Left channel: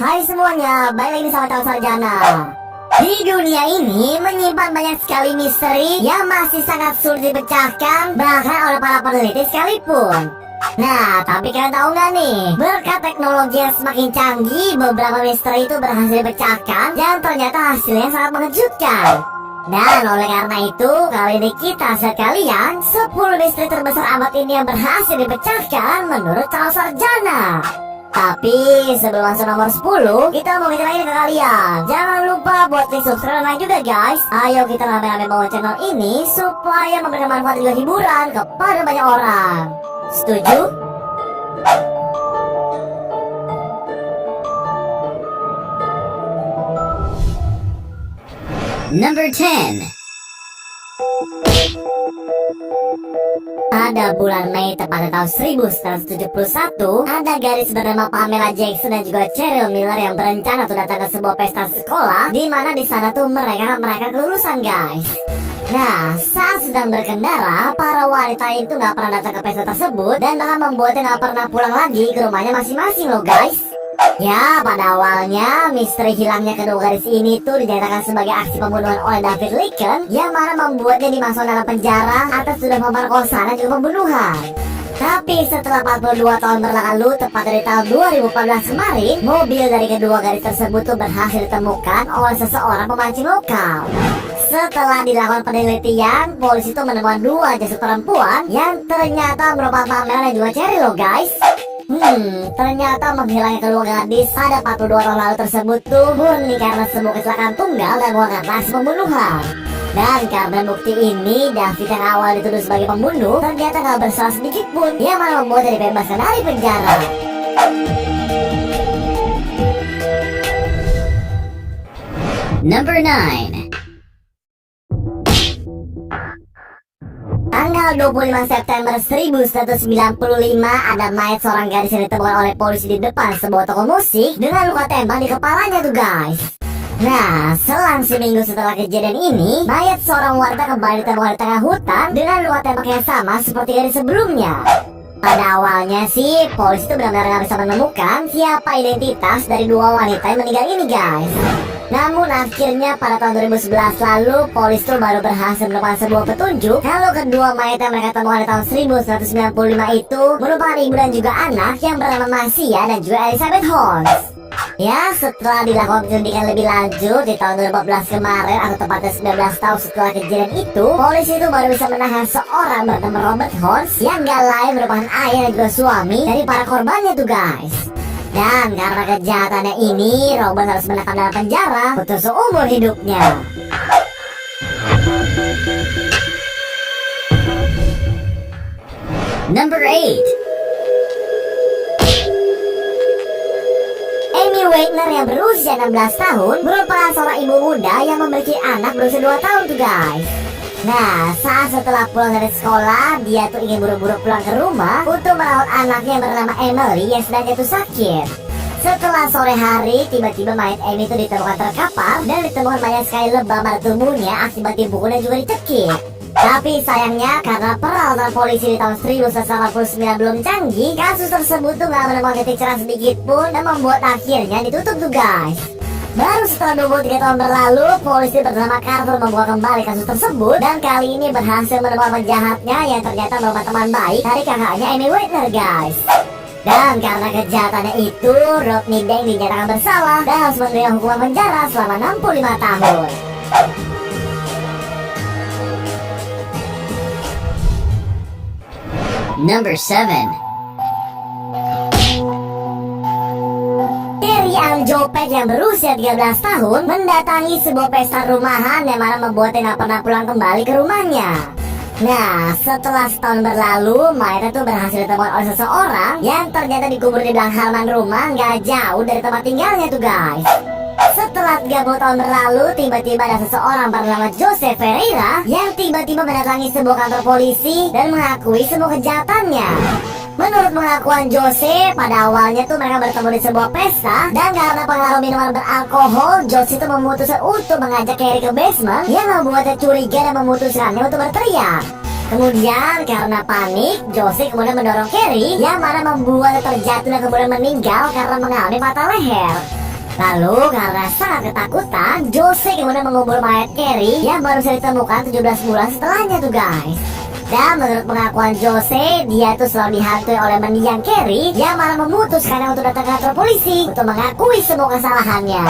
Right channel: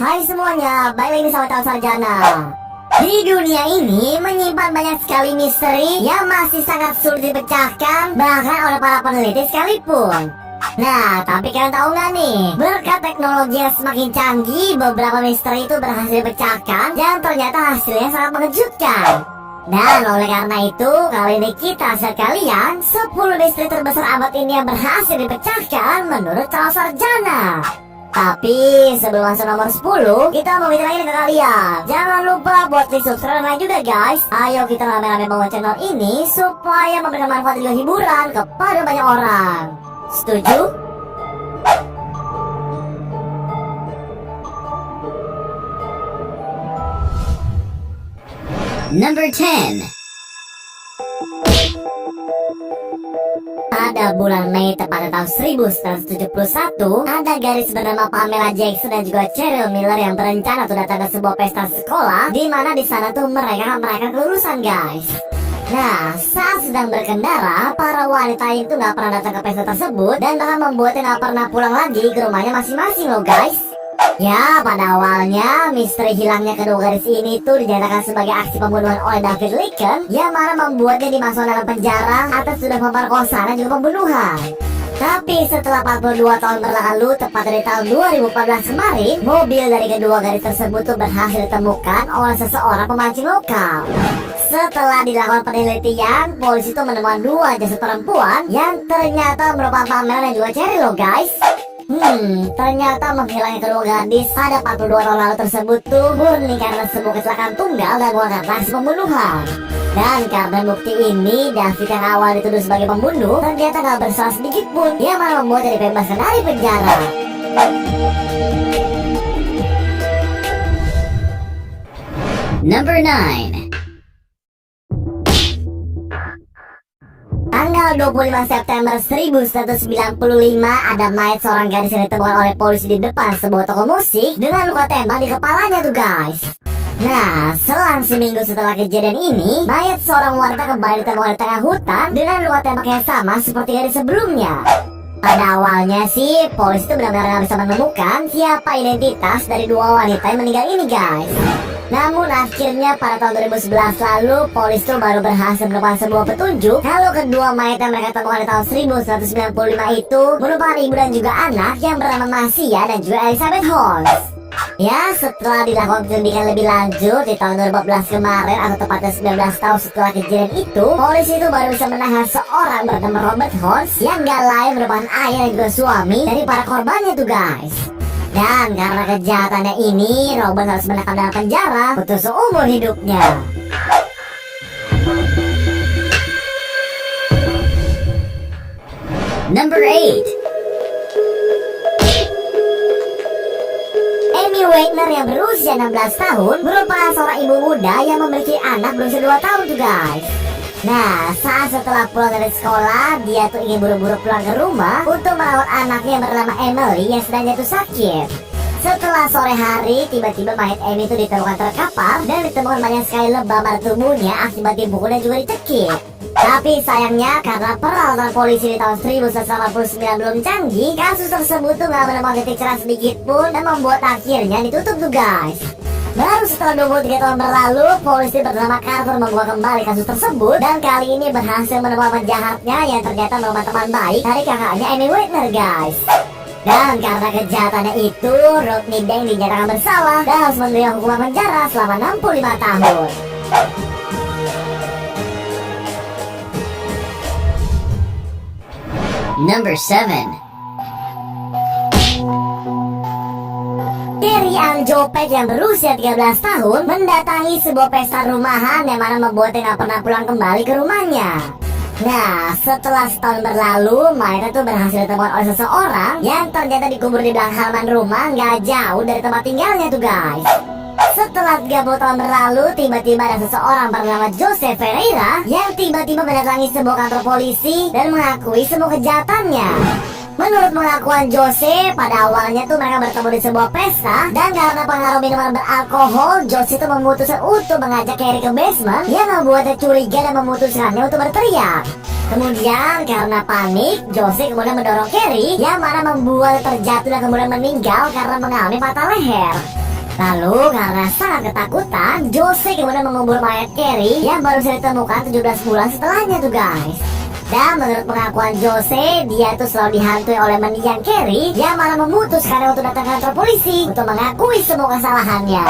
Hai semuanya, balik lagi sama Calon Sarjana. Di dunia ini menyimpan banyak sekali misteri yang masih sangat sulit dipecahkan, bahkan oleh para peneliti sekalipun. Nah, tapi kalian tahu nggak nih, berkat teknologi yang semakin canggih, beberapa misteri itu berhasil dipecahkan dan ternyata hasilnya sangat mengejutkan. Dan oleh karena itu, kali ini kita share kalian 10 misteri terbesar abad ini yang berhasil dipecahkan menurut Calon Sarjana. Tapi sebelum masuk nomor 10, kita mau ngingetin ke kalian, jangan lupa buat klik subscribe dan like juga guys. Ayo kita rame-rame bangun channel ini supaya memberikan manfaat dan juga hiburan kepada banyak orang. Setuju? Number 10. Pada bulan Mei tepatnya tahun 1971, ada gadis bernama Pamela Jackson dan juga Cheryl Miller yang berencana untuk datang ke sebuah pesta sekolah, di mana di sana tuh mereka akan merayakan kelulusan guys. Nah, saat sedang berkendara, para wanita itu nggak pernah datang ke pesta tersebut dan bahkan membuatnya nggak pernah pulang lagi ke rumahnya masing-masing loh guys. Ya, pada awalnya misteri hilangnya kedua gadis ini tuh dinyatakan sebagai aksi pembunuhan oleh David Lincoln, yang mana membuatnya dimasukkan dalam penjara atas tuduhan pemerkosaan dan juga pembunuhan. Tapi setelah 42 tahun berlalu, tepat dari tahun 2014 kemarin, mobil dari kedua gadis tersebut tuh berhasil ditemukan oleh seseorang pemancing lokal. Setelah dilakukan penelitian, polisi tuh menemukan dua jasad perempuan yang ternyata merupakan Pamela dan juga Cheryl loh guys. Ternyata menghilangnya kedua gadis pada 42 tahun lalu tersebut tuh murni karena sebuah kecelakaan tunggal dan bukan karena aksi pembunuhan. Dan karena bukti ini, David yang awal dituduh sebagai pembunuh ternyata gak bersalah sedikit pun, yang mana membuatnya dibebaskan dari penjara. Number 9. Tanggal 25 September 1995, ada mayat seorang gadis yang ditemukan oleh polisi di depan sebuah toko musik dengan luka tembak di kepalanya tuh guys. Nah, selang seminggu setelah kejadian ini, mayat seorang wanita kembali ditemukan di tengah hutan dengan luka tembak yang sama seperti gadis sebelumnya. Pada awalnya sih, polisi itu benar-benar nggak bisa menemukan siapa identitas dari dua wanita yang meninggal ini guys. Namun akhirnya pada tahun 2011 lalu, polisi tuh baru berhasil menemukan sebuah petunjuk kalau kedua mayat yang mereka temukan di tahun 1995 itu merupakan ibu dan juga anak yang bernama Marcia dan juga Elizabeth Holmes. Ya, setelah dilakukan penyelidikan lebih lanjut di tahun 2014 kemarin, atau tepatnya 19 tahun setelah kejadian itu, polisi itu baru bisa menahan seorang bernama Robert Holmes yang gak lain merupakan ayah dan juga suami dari para korbannya tuh guys. Dan karena kejahatannya ini, Robert harus menekam dalam penjara untuk seumur hidupnya. Number 8. Amy Wagner yang berusia 16 tahun merupakan seorang ibu muda yang memiliki anak berusia 2 tahun tuh guys. Nah, saat setelah pulang dari sekolah, dia tuh ingin buru-buru pulang ke rumah untuk merawat anaknya yang bernama Emily yang sedang jatuh sakit. Setelah sore hari, tiba-tiba mayat Amy itu ditemukan terkapar dan ditemukan banyak sekali lebam pada tubuhnya akibat dipukul dan juga dicekik. Tapi sayangnya karena peralatan polisi di tahun 1989 belum canggih, kasus tersebut tuh gak menemukan titik cerah sedikit pun dan membuat akhirnya ditutup tuh guys. Baru setelah 23 tahun berlalu, polisi bernama Carter membuka kembali kasus tersebut dan kali ini berhasil menemukan penjahatnya yang ternyata merupakan teman baik dari kakaknya Amy Wagner guys. Dan karena kejahatannya itu, Rodney Banks dinyatakan bersalah dan harus menerima hukuman penjara selama 65 tahun. Number 7. Carrie Ann Jopek yang berusia 13 tahun mendatangi sebuah pesta rumahan yang mana membuatnya gak pernah pulang kembali ke rumahnya. Nah, setelah setahun berlalu, mayatnya tuh berhasil ditemukan oleh seseorang yang ternyata dikubur di belakang halaman rumah gak jauh dari tempat tinggalnya tuh guys. Setelah 30 tahun berlalu, tiba-tiba ada seseorang bernama Joseph Ferreira yang tiba-tiba mendatangi sebuah kantor polisi dan mengakui semua kejahatannya. Menurut pengakuan Jose, pada awalnya tuh mereka bertemu di sebuah pesta dan karena pengaruh minuman beralkohol, Jose itu memutuskan untuk mengajak Carrie ke basement yang membuatnya curiga dan memutuskannya untuk berteriak. Kemudian karena panik, Jose kemudian mendorong Carrie yang mana membuatnya terjatuh dan kemudian meninggal karena mengalami patah leher. Lalu karena sangat ketakutan, Jose kemudian mengubur mayat Carrie yang baru saja ditemukan 17 bulan setelahnya tuh guys. Dan menurut pengakuan Jose, dia itu selalu dihantui oleh mendiang Carrie yang malah memutuskannya untuk datang ke kantor polisi untuk mengakui semua kesalahannya.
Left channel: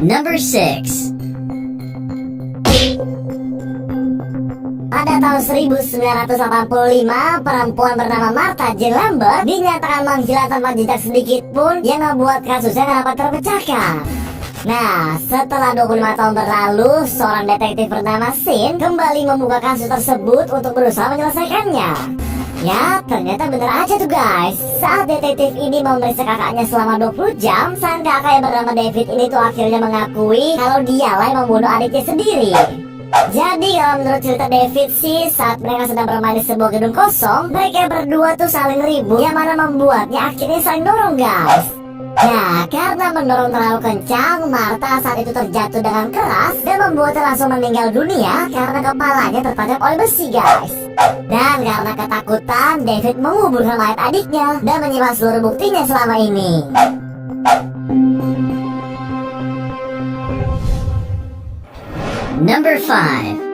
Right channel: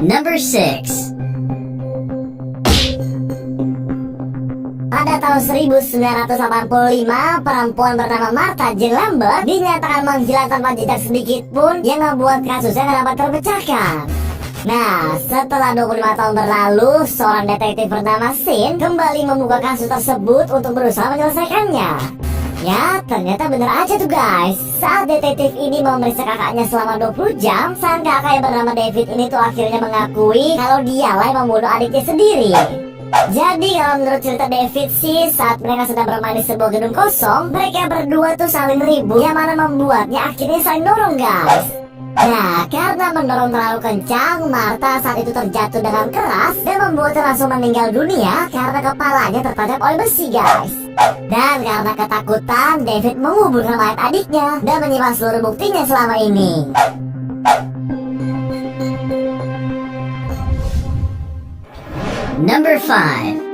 Number 6. Pada tahun 1985, perempuan bernama Martha Jane Lambert dinyatakan menghilang tanpa jejak sedikit pun yang membuat kasusnya nggak dapat terpecahkan. Nah, setelah 25 tahun berlalu, seorang detektif bernama Sin kembali membuka kasus tersebut untuk berusaha menyelesaikannya. Ya, ternyata bener aja tuh guys. Saat detektif ini memeriksa kakaknya selama 20 jam, sang kakak yang bernama David ini tuh akhirnya mengakui kalau dialah yang membunuh adiknya sendiri. Jadi kalau menurut cerita David sih, saat mereka sedang bermain di sebuah gedung kosong, mereka berdua tuh saling ribut yang mana membuatnya akhirnya saling dorong guys. Nah, karena mendorong terlalu kencang, Martha saat itu terjatuh dengan keras dan membuatnya langsung meninggal dunia karena kepalanya tertancap oleh besi guys. Dan karena ketakutan, David menguburkan mayat adiknya dan menyimpan seluruh buktinya selama ini. Number 5.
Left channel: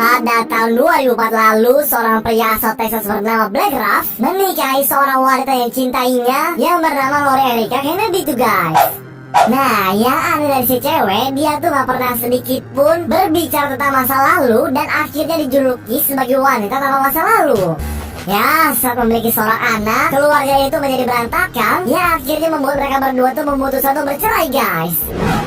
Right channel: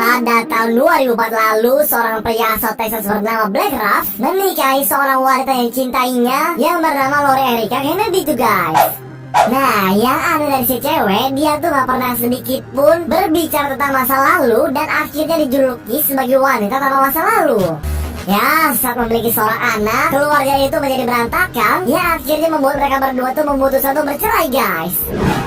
Pada tahun 2004 lalu, seorang pria asal Texas bernama Blake Ruff menikahi seorang wanita yang cintainya yang bernama Lori Erica Kennedy tuh guys. Nah, yang aneh dari si cewek, dia tuh gak pernah sedikit pun berbicara tentang masa lalu dan akhirnya dijuluki sebagai wanita tanpa masa lalu. Ya, saat memiliki seorang anak, keluarga itu menjadi berantakan, yang akhirnya membuat mereka berdua tuh memutuskan untuk bercerai guys.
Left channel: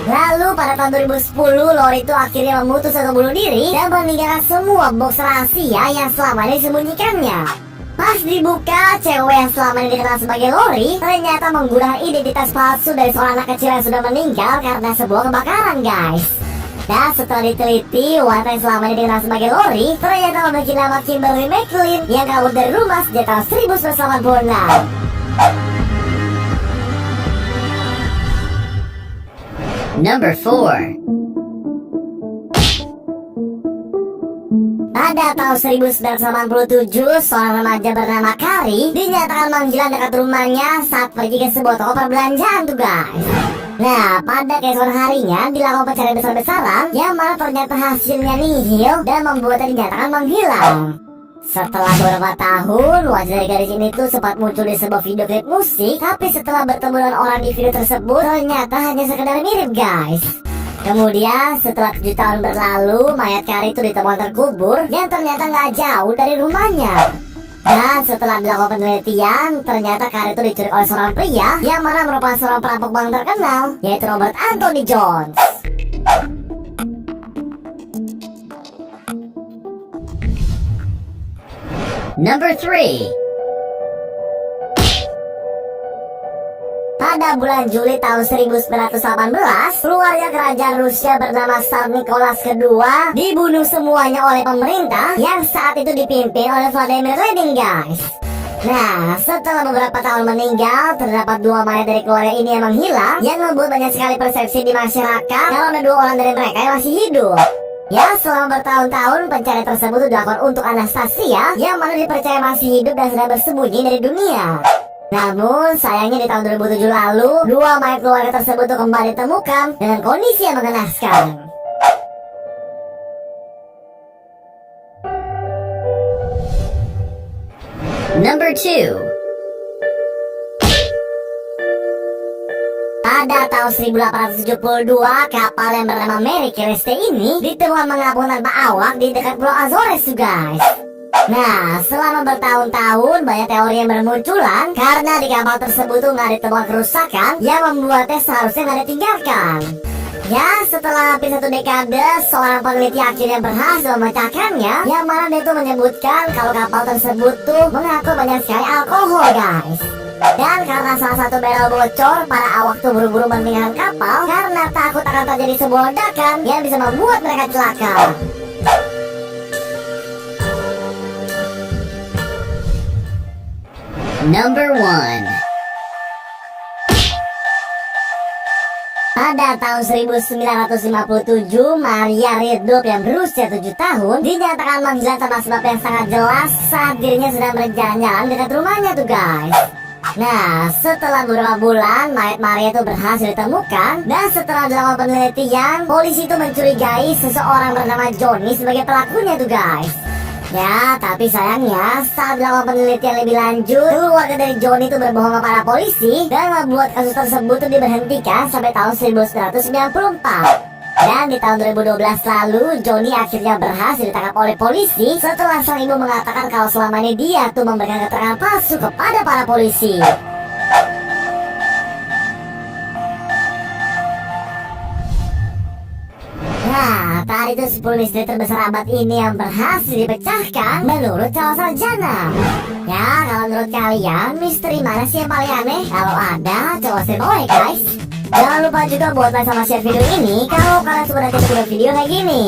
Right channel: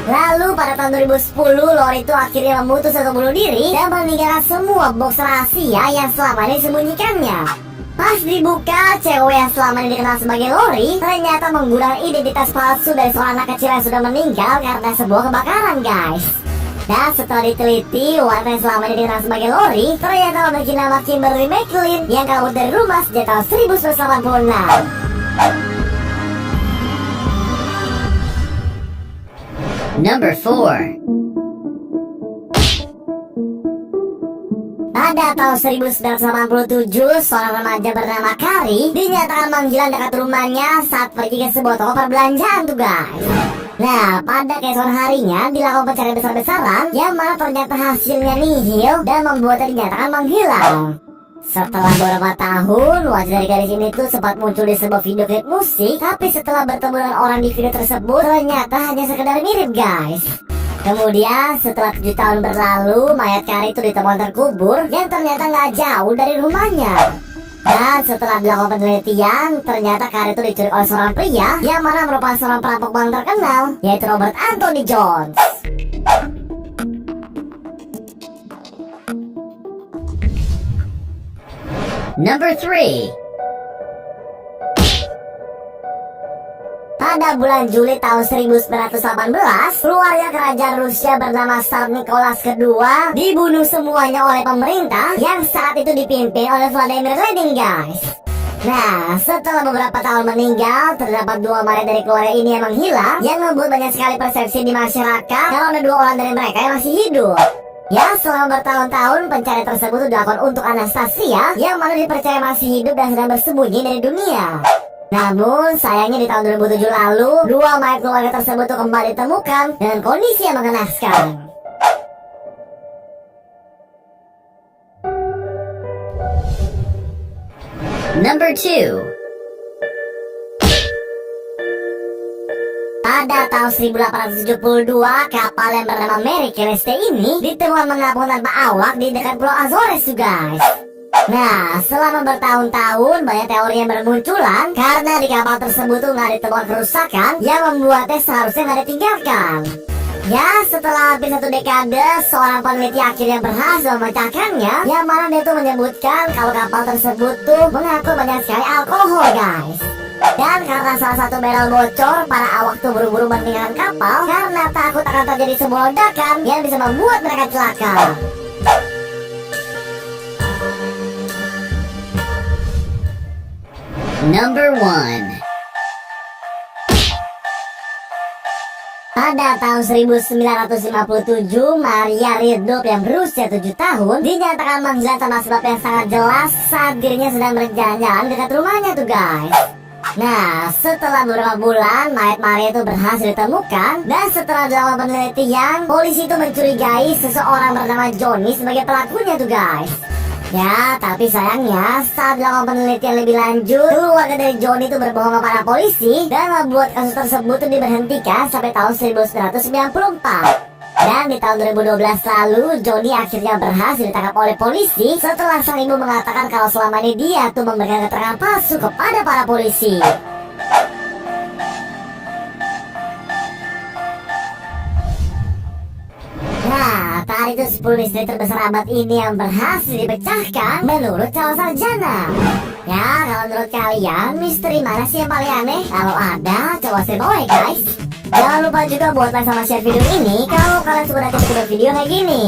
Lalu pada tahun 2010, Lori itu akhirnya memutuskan untuk bunuh diri dan meninggalkan semua box rahasia yang selama ini disembunyikannya. Pas dibuka, cewek yang selama ini dikenal sebagai Lori ternyata menggunakan identitas palsu dari seorang anak kecil yang sudah meninggal karena sebuah kebakaran guys. Dan setelah diteliti, wanita yang selama ini dikenal sebagai Lori ternyata memiliki nama Kimberly McLean yang kabur dari rumah sejak tahun 1986. Number 4. Pada tahun 1987, seorang remaja bernama Kari dinyatakan menghilang dekat rumahnya saat pergi ke sebuah toko perbelanjaan tuh guys. Nah, pada keesokan harinya dilakukan pencarian besar-besaran yang mana ternyata hasilnya nihil dan membuatnya dinyatakan menghilang. Setelah beberapa tahun, wajah dari gadis ini tuh sempat muncul di sebuah video klip musik, tapi setelah bertemu dengan orang di video tersebut ternyata hanya sekedar mirip guys. Kemudian setelah 7 tahun berlalu, mayat Kari itu ditemukan terkubur yang ternyata nggak jauh dari rumahnya. Dan setelah dilakukan penelitian, ternyata Kari itu diculik oleh seorang pria yang mana merupakan seorang perampok bank terkenal, yaitu Robert Anthony Jones. Number 3. Pada bulan Juli tahun 1918, keluarga kerajaan Rusia bernama Tsar Nicholas II dibunuh semuanya oleh pemerintah yang saat itu dipimpin oleh Vladimir Lenin guys. Nah, setelah beberapa tahun meninggal, terdapat 2 mayat dari keluarga ini yang menghilang, yang membuat banyak sekali persepsi di masyarakat kalau ada 2 orang dari mereka yang masih hidup. Ya, selama bertahun-tahun pencarian tersebut dilakukan untuk Anastasia yang mana dipercaya masih hidup dan sedang bersembunyi dari dunia. Namun sayangnya di tahun 2007 lalu, 2 mayat keluarga tersebut tuh kembali ditemukan dengan kondisi yang mengenaskan. Number 2. Pada tahun 1872, kapal yang bernama Mary Celeste ini ditemukan mengapung tanpa awak di dekat Pulau Azores tuh guys. Nah, selama bertahun-tahun banyak teori yang bermunculan karena di kapal tersebut tuh nggak ditemukan kerusakan yang membuatnya seharusnya nggak ditinggalkan. Ya, setelah hampir 1 dekade, seorang peneliti akhirnya berhasil memecahkannya, yang mana dia tuh menyebutkan kalau kapal tersebut tuh mengangkut banyak sekali alkohol guys. Dan karena salah satu barrel bocor, para awak tuh buru-buru meninggalkan kapal karena takut akan terjadi sebuah ledakan yang bisa membuat mereka celaka. Number 1. Pada tahun 1957, Maria Ridulf yang berusia 7 tahun dinyatakan menghilang tanpa sebab yang sangat jelas saat dirinya sedang berjalan-jalan dekat rumahnya tuh guys. Nah, setelah beberapa bulan, mayat Maria itu berhasil ditemukan. Dan setelah dilakukan penelitian, polisi itu mencurigai seseorang bernama Johnny sebagai pelakunya tuh guys. Ya, tapi sayangnya saat dilakukan penelitian lebih lanjut, keluarga dari Johnny itu berbohong kepada polisi dan membuat kasus tersebut itu diberhentikan sampai tahun 1994. Dan di tahun 2012 lalu, Johnny akhirnya berhasil ditangkap oleh polisi setelah sang ibu mengatakan kalau selama ini dia tuh memberikan keterangan palsu kepada para polisi. Nah, tadi itu 10 misteri terbesar abad ini yang berhasil dipecahkan menurut calon sarjana. Ya, kalau menurut kalian, misteri mana sih yang paling aneh? Kalau ada, coba share bawah ya guys. Jangan lupa juga buat like sama share video ini kalau kalian suka nanti video kayak gini.